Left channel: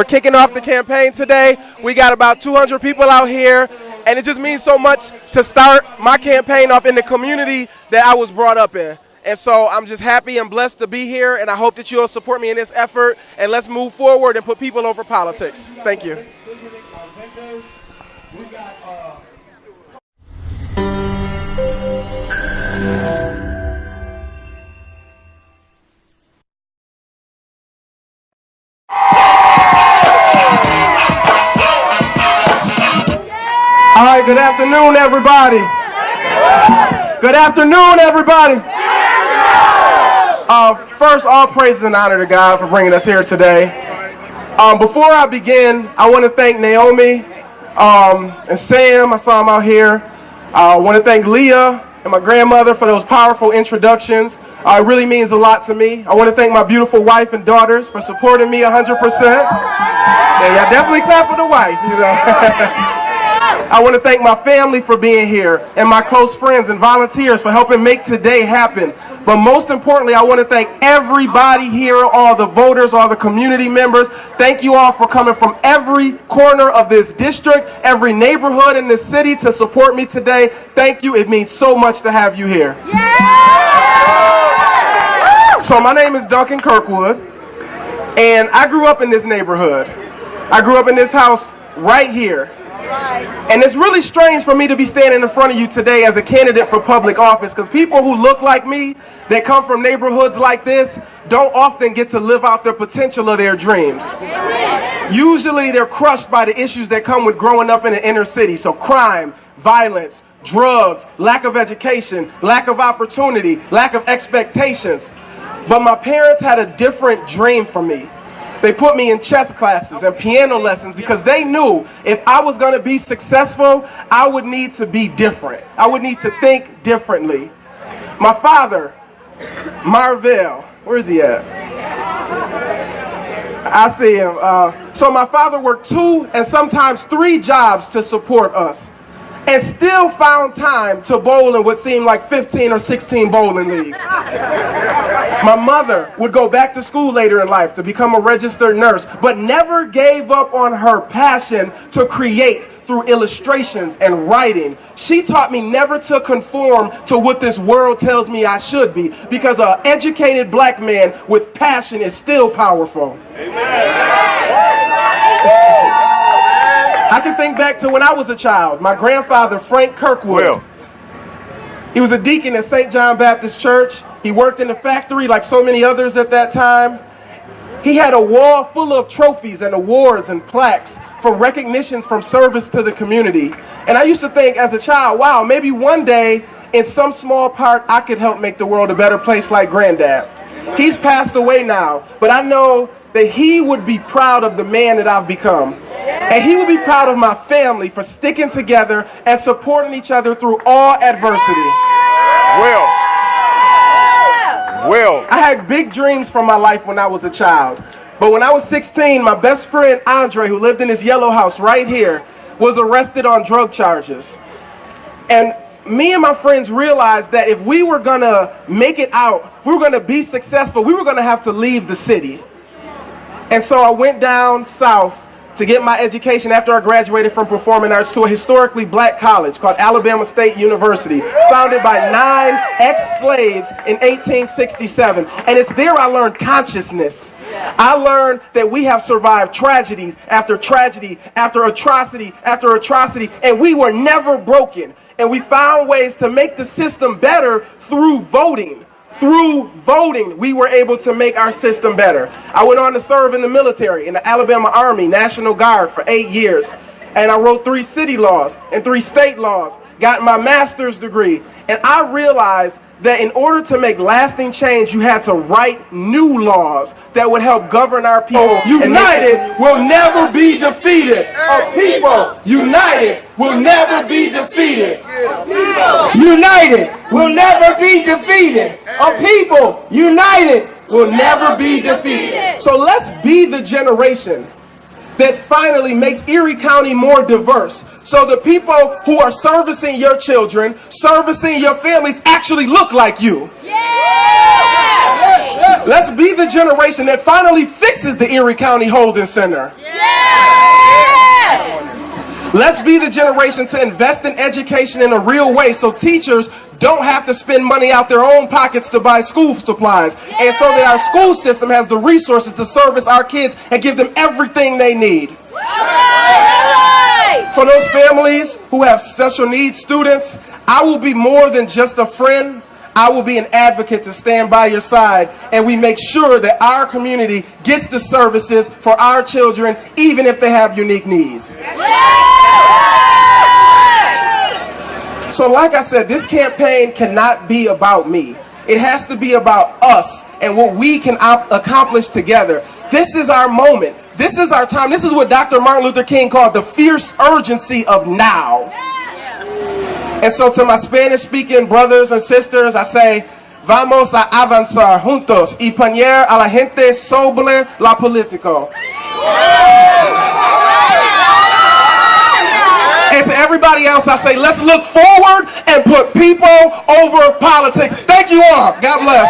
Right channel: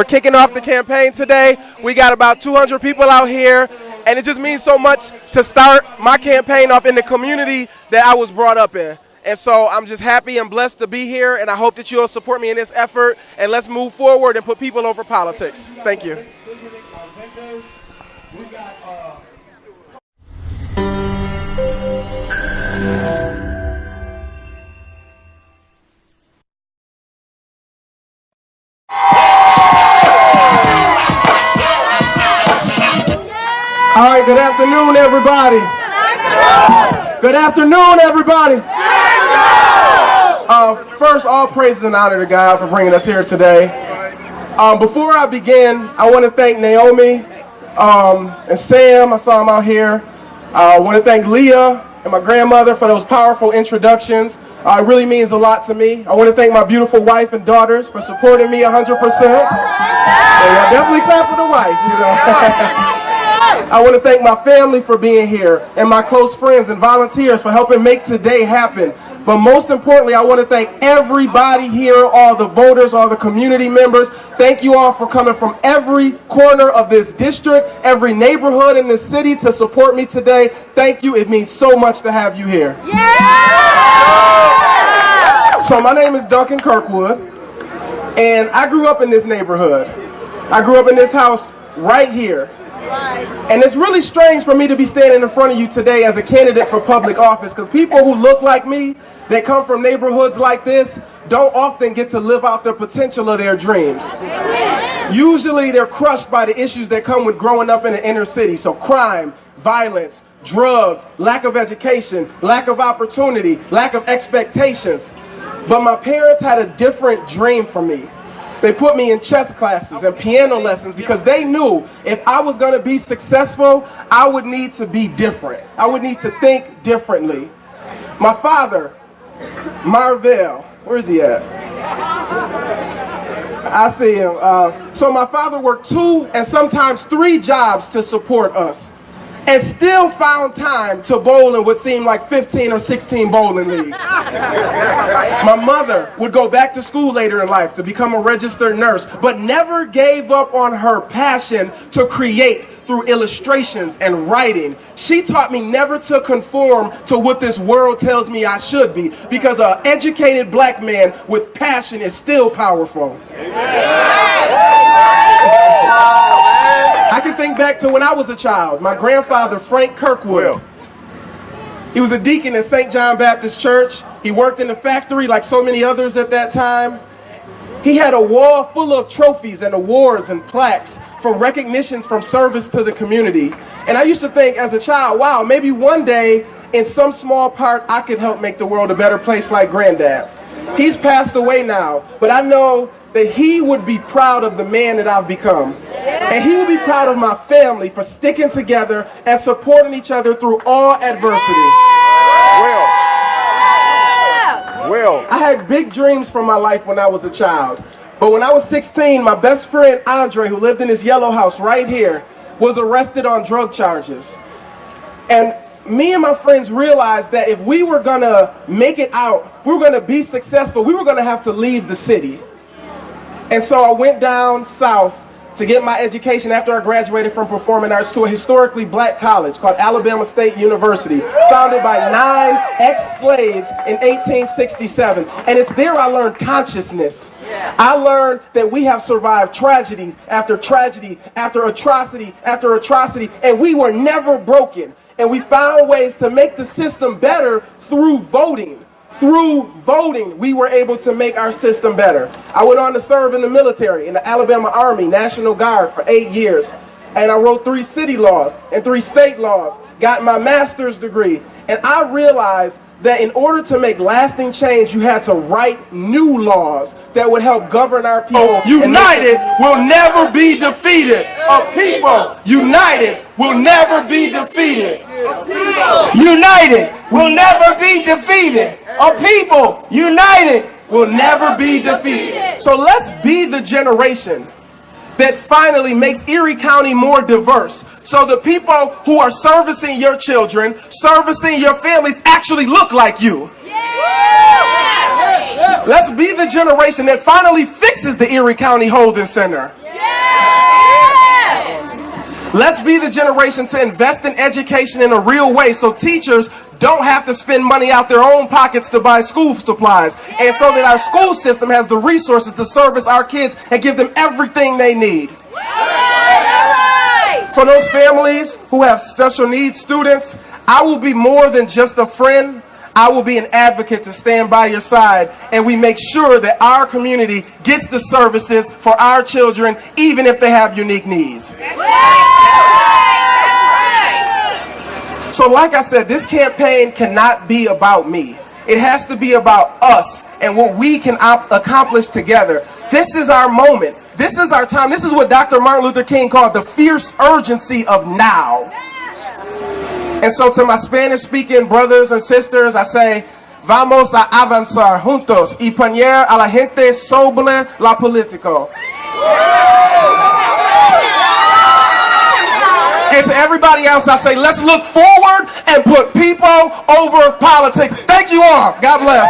We're kicking off the campaign today. We got about 200 people out here, and it just means so much to start my campaign off in the community that I was brought up in. And so I'm just happy and blessed to be here, and I hope that you'll support me in this effort, and let's move forward and put people over politics. Thank you. All right, good afternoon, everybody. Good afternoon, everybody. First, all praises and honor to God for bringing us here today. Before I begin, I want to thank Naomi and Sam. I saw them out here. I want to thank Leah and my grandmother for those powerful introductions. It really means a lot to me. I want to thank my beautiful wife and daughters for supporting me 100%. Yeah, definitely clap for the wife, you know. I want to thank my family for being here and my close friends and volunteers for helping make today happen. But most importantly, I want to thank everybody here, all the voters, all the community members. Thank you all for coming from every corner of this district, every neighborhood in this city to support me today. Thank you. It means so much to have you here. Yeah! So my name is Duncan Kirkwood, and I grew up in this neighborhood. I grew up in this house right here. And it's really strange for me to be standing in front of you today as a candidate for public office, because people who look like me, that come from neighborhoods like this, don't often get to live out the potential of their dreams. Usually they're crushed by the issues that come with growing up in the inner city. So crime, violence, drugs, lack of education, lack of opportunity, lack of expectations. But my parents had a different dream for me. They put me in chess classes and piano lessons because they knew if I was going to be successful, I would need to be different. I would need to think differently. My father, Marvell, where is he at? I see him. So my father worked 2 and sometimes 3 jobs to support us, and still found time to bowl in what seemed like 15 or 16 bowling leagues. My mother would go back to school later in life to become a registered nurse, but never gave up on her passion to create through illustrations and writing. She taught me never to conform to what this world tells me I should be, because an educated black man with passion is still powerful. I can think back to when I was a child. My grandfather, Frank Kirkwood, he was a deacon at St. John Baptist Church. He worked in the factory like so many others at that time. He had a wall full of trophies and awards and plaques for recognitions from service to the community. And I used to think as a child, wow, maybe one day in some small part I could help make the world a better place like Granddad. He's passed away now, but I know that he would be proud of the man that I've become. And he would be proud of my family for sticking together and supporting each other through all adversity. Will. I had big dreams for my life when I was a child. But when I was 16, my best friend Andre, who lived in this yellow house right here, was arrested on drug charges. And me and my friends realized that if we were gonna make it out, if we were gonna be successful, we were gonna have to leave the city. And so I went down south to get my education after I graduated from performing arts to a historically black college called Alabama State University, founded by 9 ex-slaves in 1867. And it's there I learned consciousness. I learned that we have survived tragedies after tragedy, after atrocity, after atrocity, and we were never broken. And we found ways to make the system better through voting. Through voting, we were able to make our system better. I went on to serve in the military, in the Alabama Army, National Guard for 8 years. And I wrote 3 city laws and 3 state laws, got my master's degree. And I realized that in order to make lasting change, you had to write new laws that would help govern our people. United will never be defeated. A people united will never be defeated. United will never be defeated. A people united will never be defeated. So let's be the generation that finally makes Erie County more diverse, so the people who are servicing your children, servicing your families, actually look like you. Let's be the generation that finally fixes the Erie County Holding Center. Let's be the generation to invest in education in a real way so teachers don't have to spend money out their own pockets to buy school supplies, and so that our school system has the resources to service our kids and give them everything they need. For those families who have special needs students, I will be more than just a friend. I will be an advocate to stand by your side, and we make sure that our community gets the services for our children, even if they have unique needs. So like I said, this campaign cannot be about me. It has to be about us and what we can accomplish together. This is our moment. This is our time. This is what Dr. Martin Luther King called the fierce urgency of now. And so to my Spanish-speaking brothers and sisters, I say, vamos a avanzar juntos y poner a la gente sobre la política. And to everybody else, I say, let's look forward and put people over politics. Thank you all. God bless.